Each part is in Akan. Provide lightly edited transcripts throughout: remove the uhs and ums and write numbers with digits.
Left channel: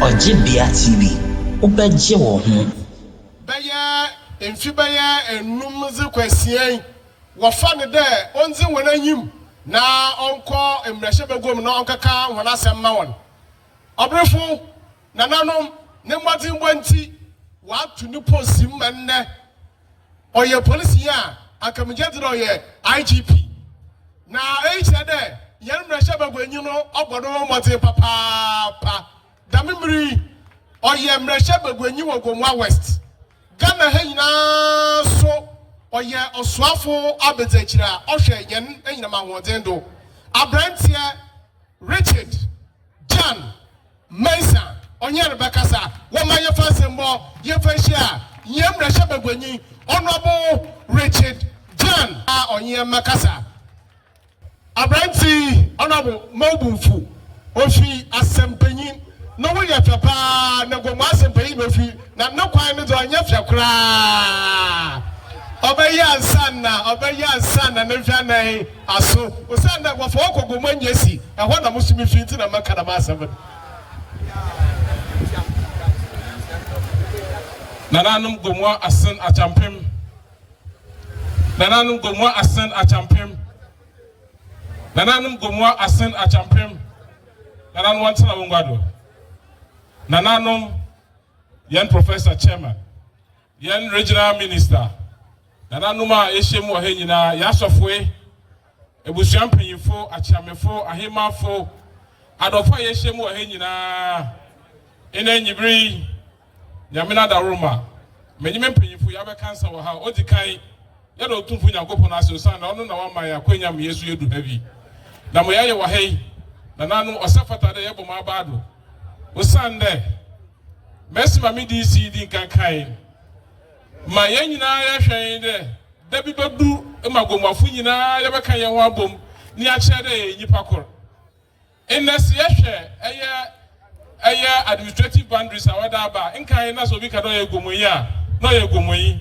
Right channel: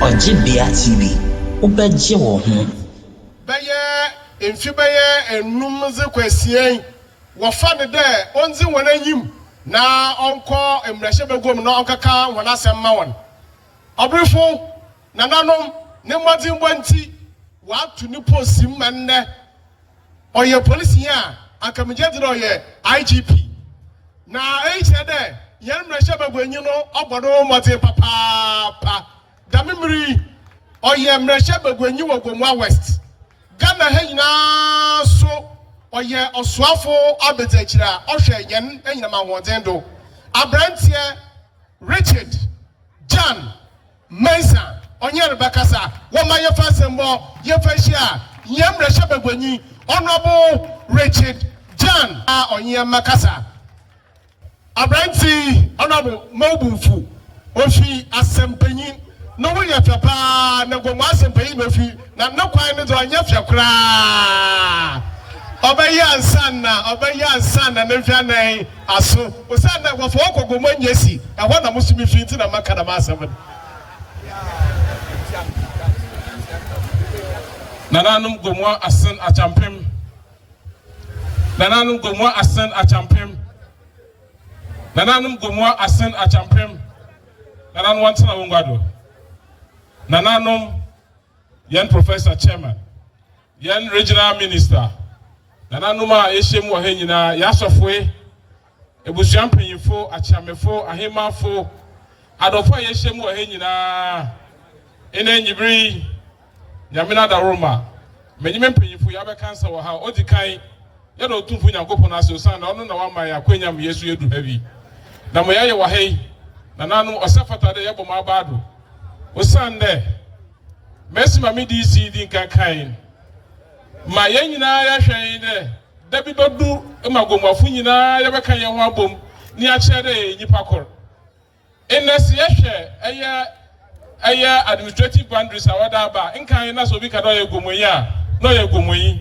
Ojibia TV, ubeje wo ho. Baya enfibaya enumze kwasien wo fa ne de onzi wona yim na onko emrehye begom na onkaka wona asem ma won. Abrefo nananom ne mmadi mbonti wa tu ni posim manne oye police ya akamje dire oye IGP na eche de yen mrehye begwanyi no obodo mmadi papa damimri oye mrehye begwanyi wo Gomoa West Ghana hanyina so oye osuafo abetachira ohwe yen enyina ma wodendo abrantie Richard Gyan Mensah onye rebekasa woma ye fasembo ye fashia ye mrehye begwanyi honorable Richard Gyan onye makasa abrantie honorable Mobumfu ofi asempanyin no we ya papa na Gomoa asempanyin ofi na nakwan ne do anya fiakra obeya nsanna ne hwanan aso osanna gwafo ko Gomoa nyesi ehọ na musumi fiti na maka na masem nananum Gomoa asen achampem nananum Gomoa asen achampem nananum Gomoa asen achampem nananum wantsana wongado nananum yen professor chairman yen regional minister nananum a yeshemu wa henyina yasofwe ebusuan panyimfo achiamefo ahemafo adofo yeshemu wa henyina ene nyibiri nyamina da Roma menyime panyimfo ya be kansa wo ha odikan ya do tumfu nyankopon ase osan na ono na wa man ya kwanya me Yesu edu habi na mo yaye wa hei nananum osafata de yebo ma baado osan de Messi mami DC din kankan ma yenyina ya hwen de da bi bedu ma Gomoafo nyina ya beka ye ho abom ni a kire de nyipa kor enes ye hwe aya administrative boundaries awada aba nkan na so bi ka do ye Gomoyi a no ye Gomoyi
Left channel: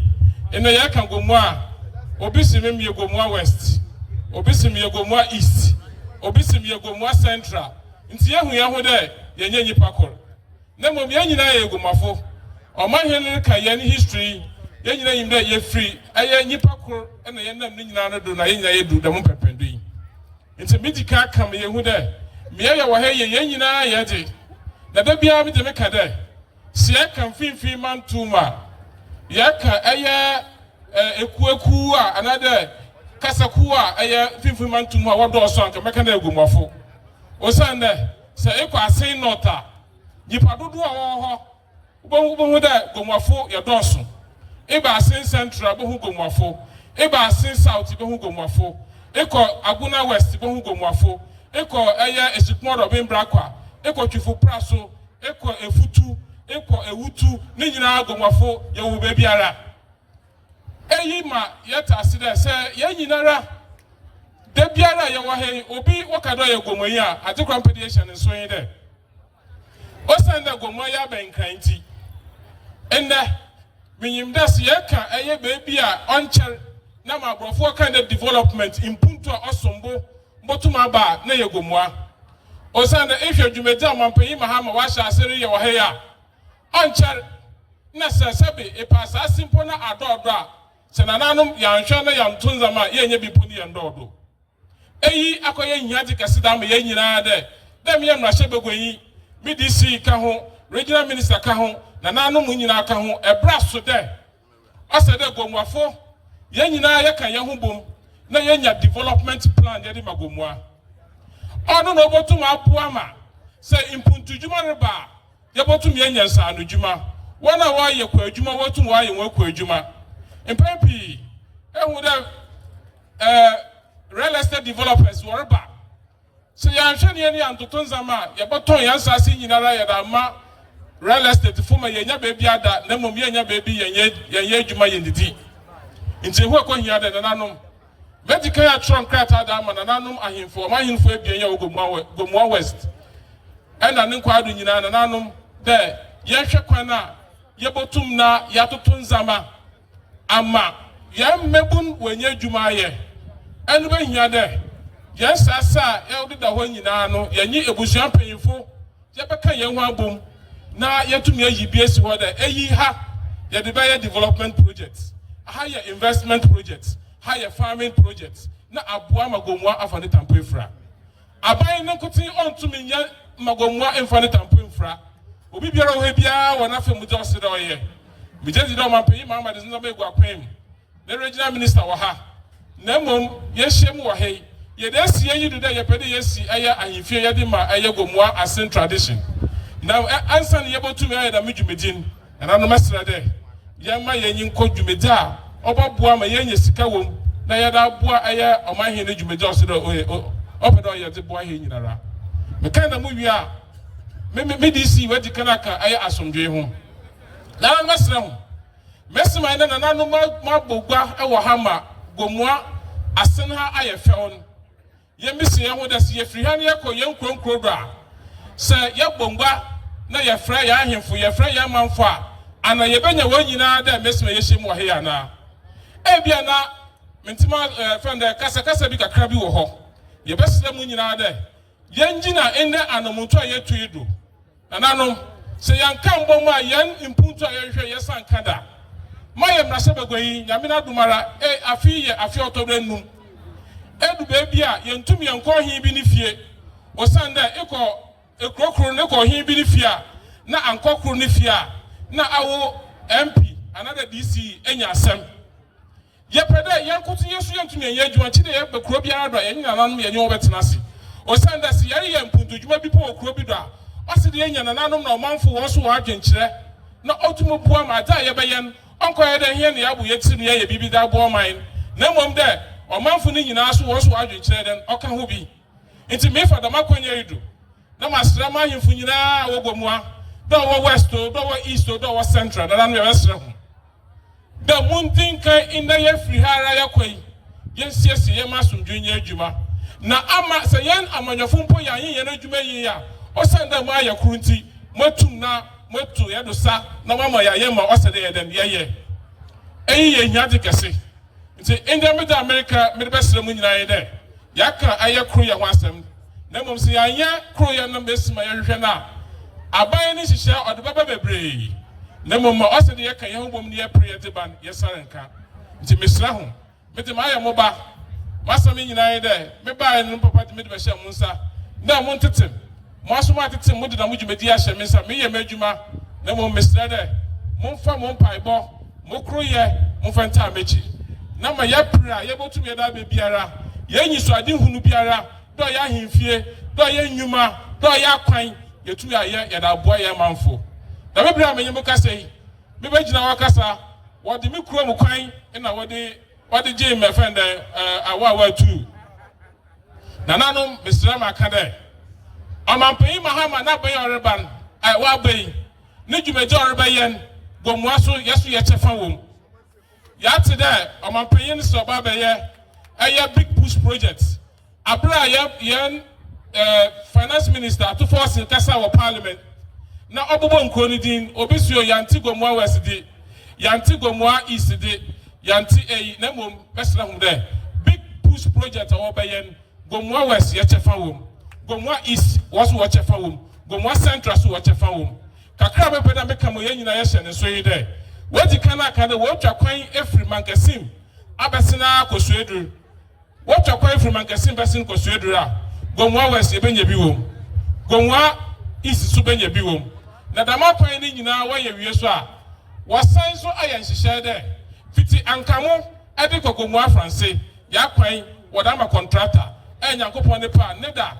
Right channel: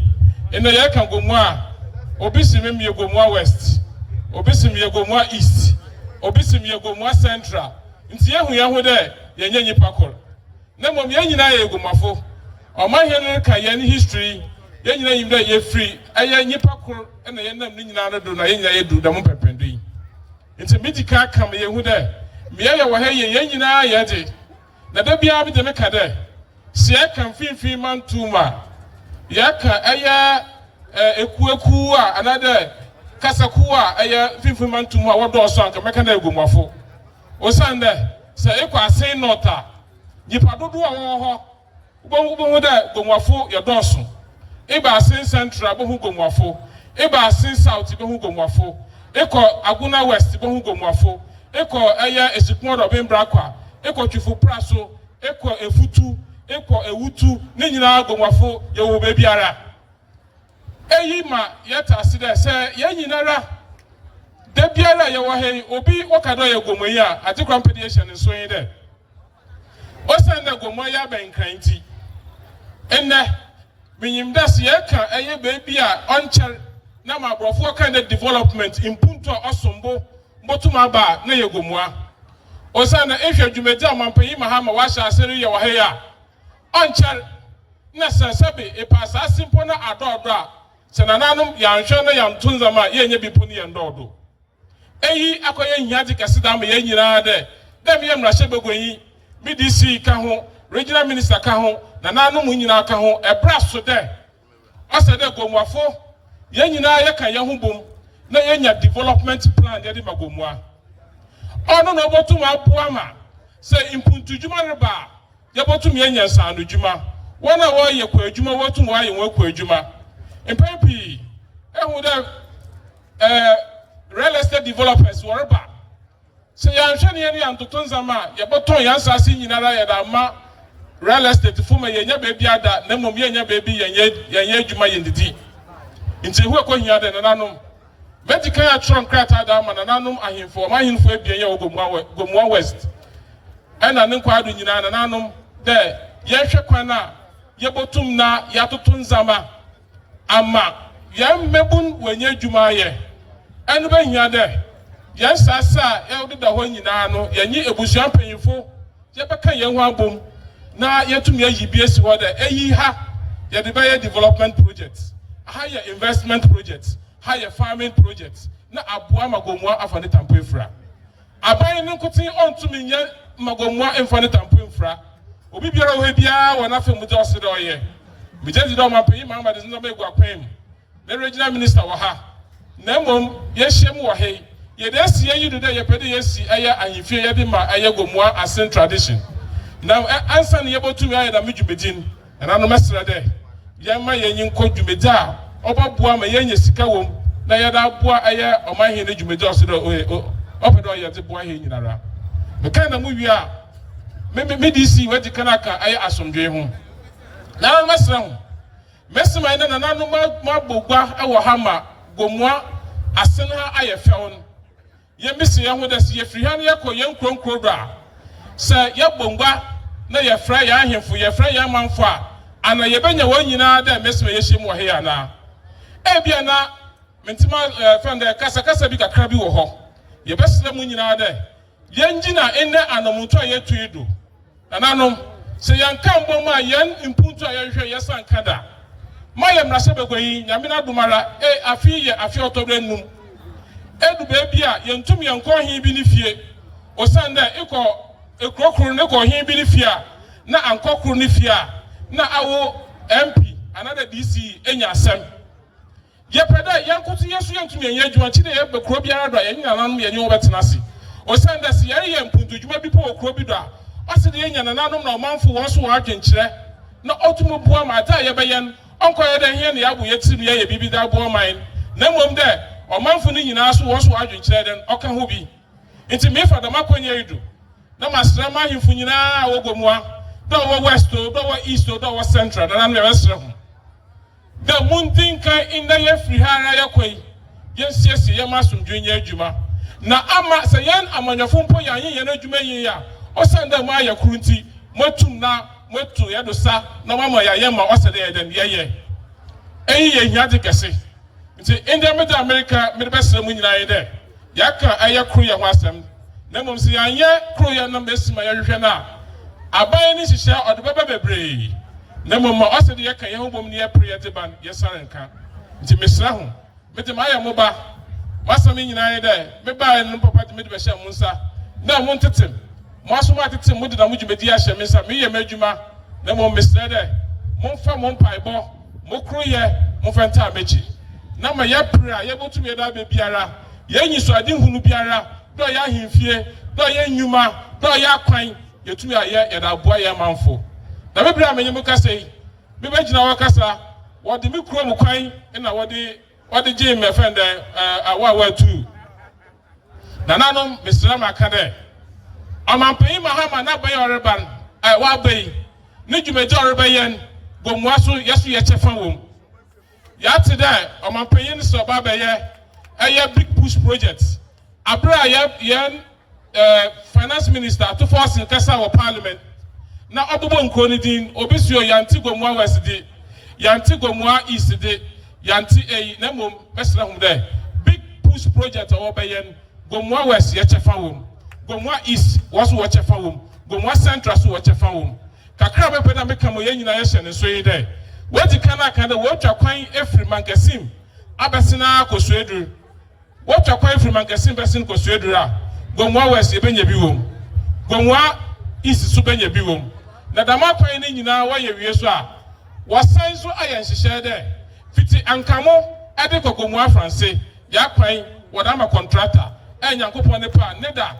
ene ye kan Gomoa obi simem ye Gomoa West obi sim ye Gomoa East obi sim ye Gomoa Central nti ye ho de ye nyipa kor na mom yenyina ye Gomoafo omahene ka ye ni history yenyina yimda ye free aya nyipa kor na ye nam ni nyina no do na yenyina ye du da mo pependu yi nti midika kam ye hu de me ye wo ha ye yenyina ye de na da bia bi de me ka de se kan finfin man tuma ya ka aya ekueku a anade kasaku a aya finfin man tuma wodo so anka me ka na Gomoafo osande se ekwasen nota nipa dodo a ho ubongu da Gomoafo ye donso eba asen central bo hu Gomoafo eba asen south bo hu Gomoafo eko Aguna West bo hu Gomoafo eko aya esikun do bembra kwa eko twifo praso eko efutu eko ewutu ne nyina Gomoafo ye wo ba biara eyi ma yeta aside se ye nyinara de biara ye wo hen obi wakado ye Gomoyi a atikwa mpediation nso yin de osanda Gomoa ya benkanti enne minyimdas ye kan eye bebi a oncher na mabrofo kind of development impunto osombo mbotuma ba na ye Gomoa osanda ehwe dwumedi amampanyi mahama washa aseri ye wahe ya oncher na sasabe epasa simpo na adodo a senananum ya nhwe na ya ntunzama ye nya bipo ni ndodo eyi akoye nyaji kasida ma ye nyina de dem ye mrahye begwanyi BDC ka ho regional minister ka ho na nanum nyina ka ho ebra so de ose de Gomoafo ye nyina ye kan ye ho bom na ye nya development plan de ma Gomoa ono no botum apoa ma se impuntu djuma reba ye botum ye nya nsan djuma wona wo ye kwa djuma wotum wa ye wo kwa djuma empempi ehun de real estate developers wo reba se ya nhwe ne antoto nzama ye boton ya nsase nyinara ye da ma real estate fuma ye nya bebi ada na mom ye nya bebi ye adwuma ye ndidi nti hu akohia de nanom medical ya tron krata da ma nanom ahemfo ma ahemfo ebien ye Gomoa West ena ne nkwado nyina nanom de ye hwe kwana ye botum na ya toto nzama ama ye mebun wenye adwuma ye enu be hia de yen sasa e bi da ho nyina no yenyi ebusuan panyimfo ye beka yen ho abom na yetumi ayi bi esi ho de eyi ha ye de be development projects higher investment projects higher farming projects na aboa Gomoa afane tampefra aban no kuti ontumi nya Gomoa enfane tampefra obi biara ho biara wona fe mu de osede oye bi je di do man peyi ma de nzo megu akwam na regional minister wa ha na mom ye hyem wa he ye de sie yi do de ye pede ye si aya ahifie ye de ma aya Gomoa asen tradition now answer ne ye botumi aye da medwumedin na no mesra de ye ma ye nyin ko dwumedi a obaboa ma ye nya sika wom na ye da boa aya omahe ne dwumedi osede opedo ye de boa he nyinara me kan na mu wi a me DC we di kanaka aya asomdwe ho na mesra ho mesima ina na nanu ma bogwa e wo ha ma Gomoa asen ha aye fewon ye misi ye ho da si ye firi ha ne ye ko ye nkronkro bra se ye bongwa na ye fra ye ahemfo ye fra ye manfo a ana ye benya wo nyina da mesima ye hyem wo he ana e bia na mentima friend kasa bi kakra bi wo ho ye besle mu nyina da ye ngina enne anomuto ye tuido ananom se yanka mbom a yen impunto a ye hwe ye sanka da mayem na sebegoyi nyamina dumara afi otobre num edu bebi a yentum yenko hin bi ni fie osanda ekrokuru ne ko hin bi ni fie na ankokuru ni fie na awo MP another DC enya asem yepeda yankotu yesu yentum yenye adwuma chi de ye bekro biara do yenye nananum yenye obetenase osanda se ye mpuntu dwuma bi po okro bi do a asede yenya nananum na omanfo wo so wa adwenkyere na otumo bua ma da ye beyen onko ye de hia ne abu yetiri ne ye bibi da bo man na mom de omanfo ni nyina so wo so adwenkyere den oka ho bi enti me fa da makonya yidu na masra ma himfo nyina wo Gomoa do wo west do wo east do wo central da na no ye sre ho da muntin kan inda ye firi hara ye koi ye siesi ye masumdwe nya adwuma na ama se yen amanyofo mpo ya yen na adwuma yin ya osanda ma ya kurunti motum na motu ya do sa na mama ya ye ma osede ye den ye ye nyade kese nti inda me da America me be sere mu nyina ye de ya ka aye kru ya ho asem na mom se ya ye kru ya na mesima ya hwehwe na aban ni hihye odebaba bebre na mom osede ye kan ye ho bom ni ye pre ye de ban ye sarenka nti mesra ho me de ma ya moba wasam nyina ye de me ba ye no papa me de be hye munsa na mo ntetem mo aso ma tetem mo de na mo dwumedi a hye mensa me ye madwuma na mom mesra de mo fa mo mpaibo mo kru ye mo fenta mechi na ma ya pra ye botum ye da be biara ye nyiso ade hunu biara do ya hemfie do ya nyuma do ya kwan ye tumi aye ye da boa ye manfo na be bra amenyem kasa yi me be gina wa kasa wo de me kuro mo kwan na wo de je me friend awa tu na nanom mesra ma ka de amampai mahama na bayi oreban wa bayi ne dwumedi orebayen Gomoa so yeso ye chefa wom ya te da amampai ne so ba baye aye big push project abra ye finance minister to force kasa wa parliament na obobo nkro ni din obisuo yanti Gomoa west di yanti Gomoa east di yanti na mom besra hum de big push project o bayen Gomoa west ye chefa wom Gomoa east was what chefa wom Gomoa central so what chefa wom kakra be peda me kamo ye nyina ye hye ne so yi de wodi kana kana wo twa kwan efri mankasim abesina kosuedur wo twa kwan efri mankasim besin kosuedur a Gomoa west e benya bi wom Gomoa east so benya bi wom na dama kwan ni nyina wa ye wie so a wasan so ayen hye de fiti ankamo e de Gomoa France ya kwan wodama contractor enyankopon ne pa ne da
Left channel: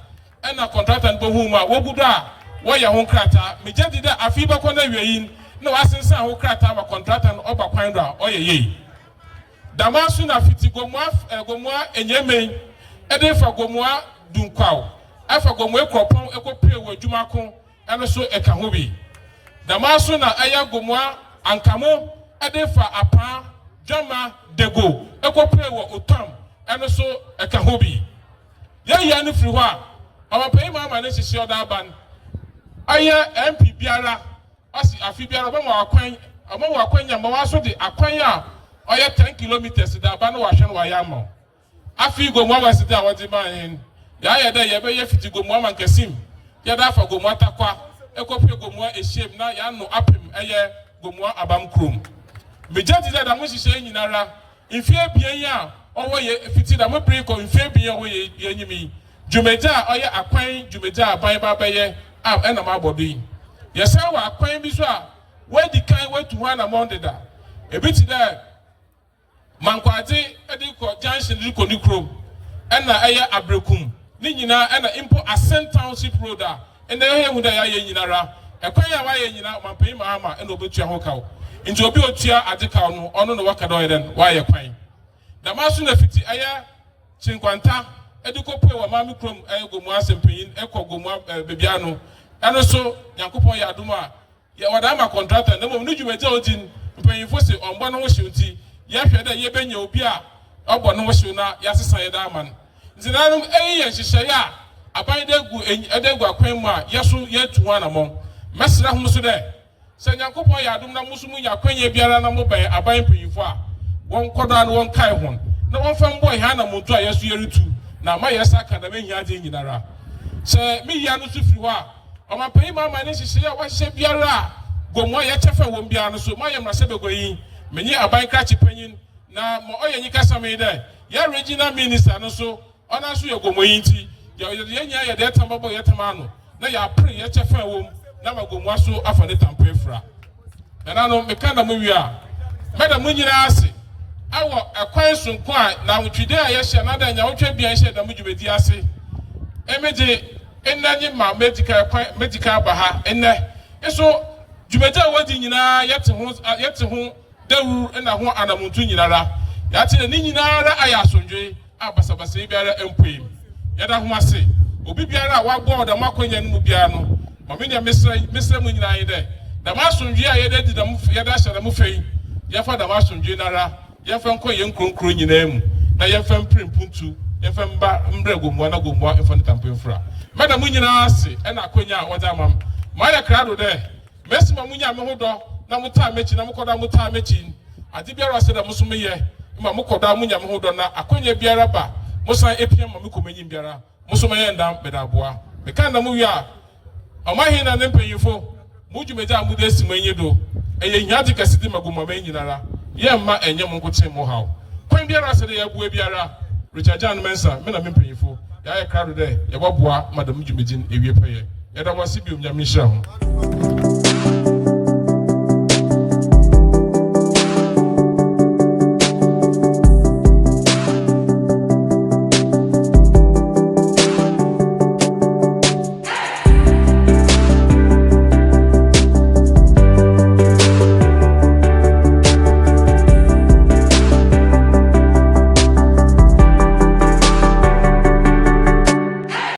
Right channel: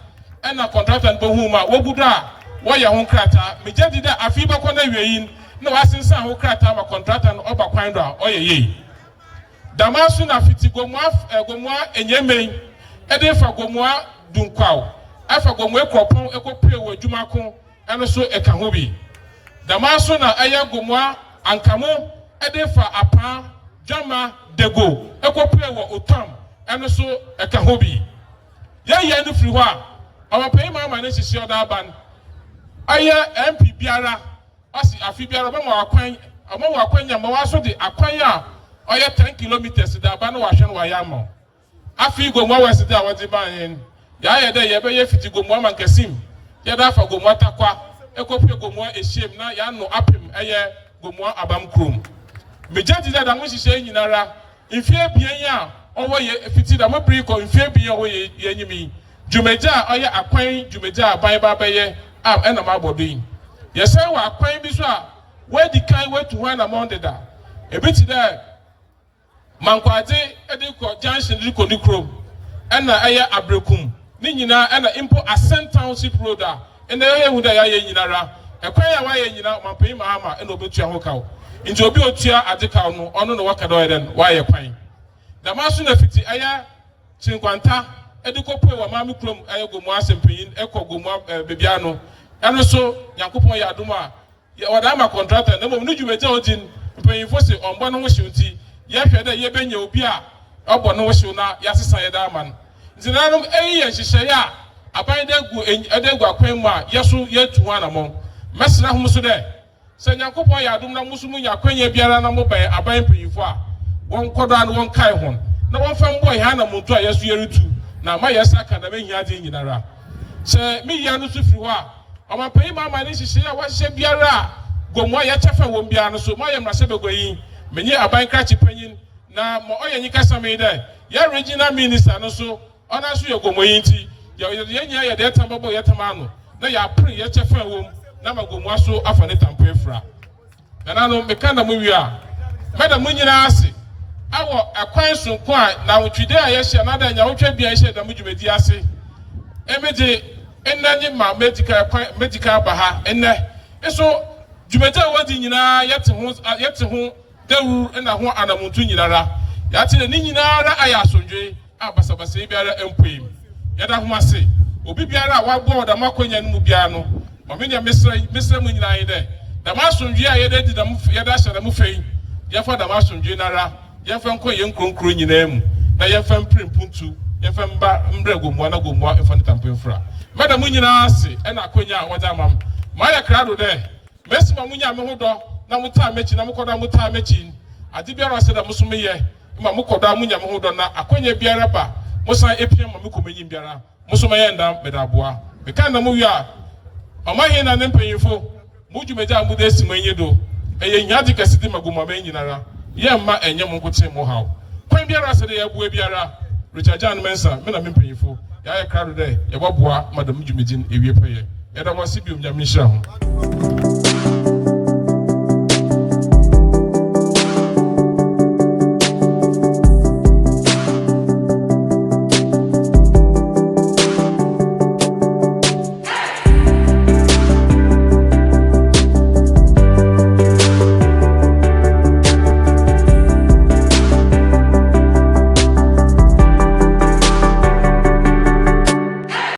ena contractor bo huma wo guda wo ye ho krata me jadi da afi ba ko na wieyin na wasensan ho krata ma contractor no oba kwan do a oyeye damasu na fiti Gomoa enyemei e de fa Gomoa dunkwaw afa Gomoa ekropon ekopre wo adwuma ko eno so eka ho bi damasu na aya Gomoa ankamo e de fa apa dwama dego ekopre wo otam eno so eka ho bi ye ni firi ho a amapai mama ne hihye oda ban aye MP biara asi afi biara ba ma akwan nya ma waso de akwan a oye 10 kilometers da ban wa hwe no wa ya ma afi Gomoa was there what the man ya there ya be fiti Gomoa man kesim ya da fa Gomoa takwa ekope Gomoa ehiem na ya no apem eye Gomoa abam krom mejati da da mo hihye nyinara ifie bian a owo ye fiti da mo briko ifie bian owo ye nyimi jumeja oye akwan jumeja aban ba beye na ma bodo yesa wa akwan bi so a we di kan we to one among the da ebiti da mankwade ediko junction liko ni krom na eye abrekum ni nyina na impo Ascent Township road a na ye hu da ya ye nyinara akwan ya wa ye nyina mampani maama na obetua ho kawo nti obi otua adeka no ono no waka do eden wa ye kwan da maso na fiti aya chinkwanta ediko poe wa mami krom aya Gomoa sempanyin ekọ Gomoa bebia no ano so Yakopon ya aduma ya oda ma contractor na mom no dwumeja odin mpanyinfo se ombo no hwe nti ye hwe da ye benya obi a obo no hwe na ya sesa ye da man nti na no eyi ye hihye ya aban da gu edegu akwan mu a yeso ye tuwa na mom mesra hu so de se Yakopon ya adum na musumu nya kwanya biara na mo ba aban mpanyinfo a won koda no won kai hon na won fa mbo ha na monto a yeso ye rutu na ma yesa akadama hia de nyinara se mi ya no so firi ho a amapanyi mama ne hihye a wahye biara Gomoa ya tefa won biara no so mo ye mrase begoyin menye aban krachi panyin na mo oyenyi kasa me de ya regional minister no so ona so ye Gomoa yinti ye nya ye de tamabo ye tamano na ya pre ye tefa won na ma Gomoa so afa ne tampa efra na no meka na mo wi a meda mo nyina ase awo akwan sonko a na wotwide a ye hye na da nya wotwa bia hye da mo dwumedi ase emeje enani ma medical baha enne eso dwumedi wodi nyina yete ho dewu na ho anamuntu nyinara yate ni nyinara aya asondwe abasabasa biara empoim yada ho ase obi biara wagbo da makonya no mu biara no ma me mesra mu nyina yede da masondwe a yede da mu yeda hye da mu fein yafa da masondwe nara yafa nko ye nkronkro nyina mu na yafa mprimpuntu yafa mba mbre Gomoa na Gomoa efa ntampemfra meda mu nyina ase na akonya a wada mam ma ya krado de mesima munya me hodo na muta mechi na mukoda muta mechi ade biara se da musume ye ma mukoda munya me hodo na akonya biara ba musan epia ma mekomanyi biara musume ye ndam bedaboa me kan na mu wi a amahe na ne mpanyifo mudwumeja amude simanyi do eye nyadi kasidi magoma manyinara ye ma enye mu nkote mu hawo kwan biara se de ya bua biara Gyan Mensah me na me mpanyifo ya krado de ye boboa madam dwumedin ewie peye ya da wasi biom nyame hira ho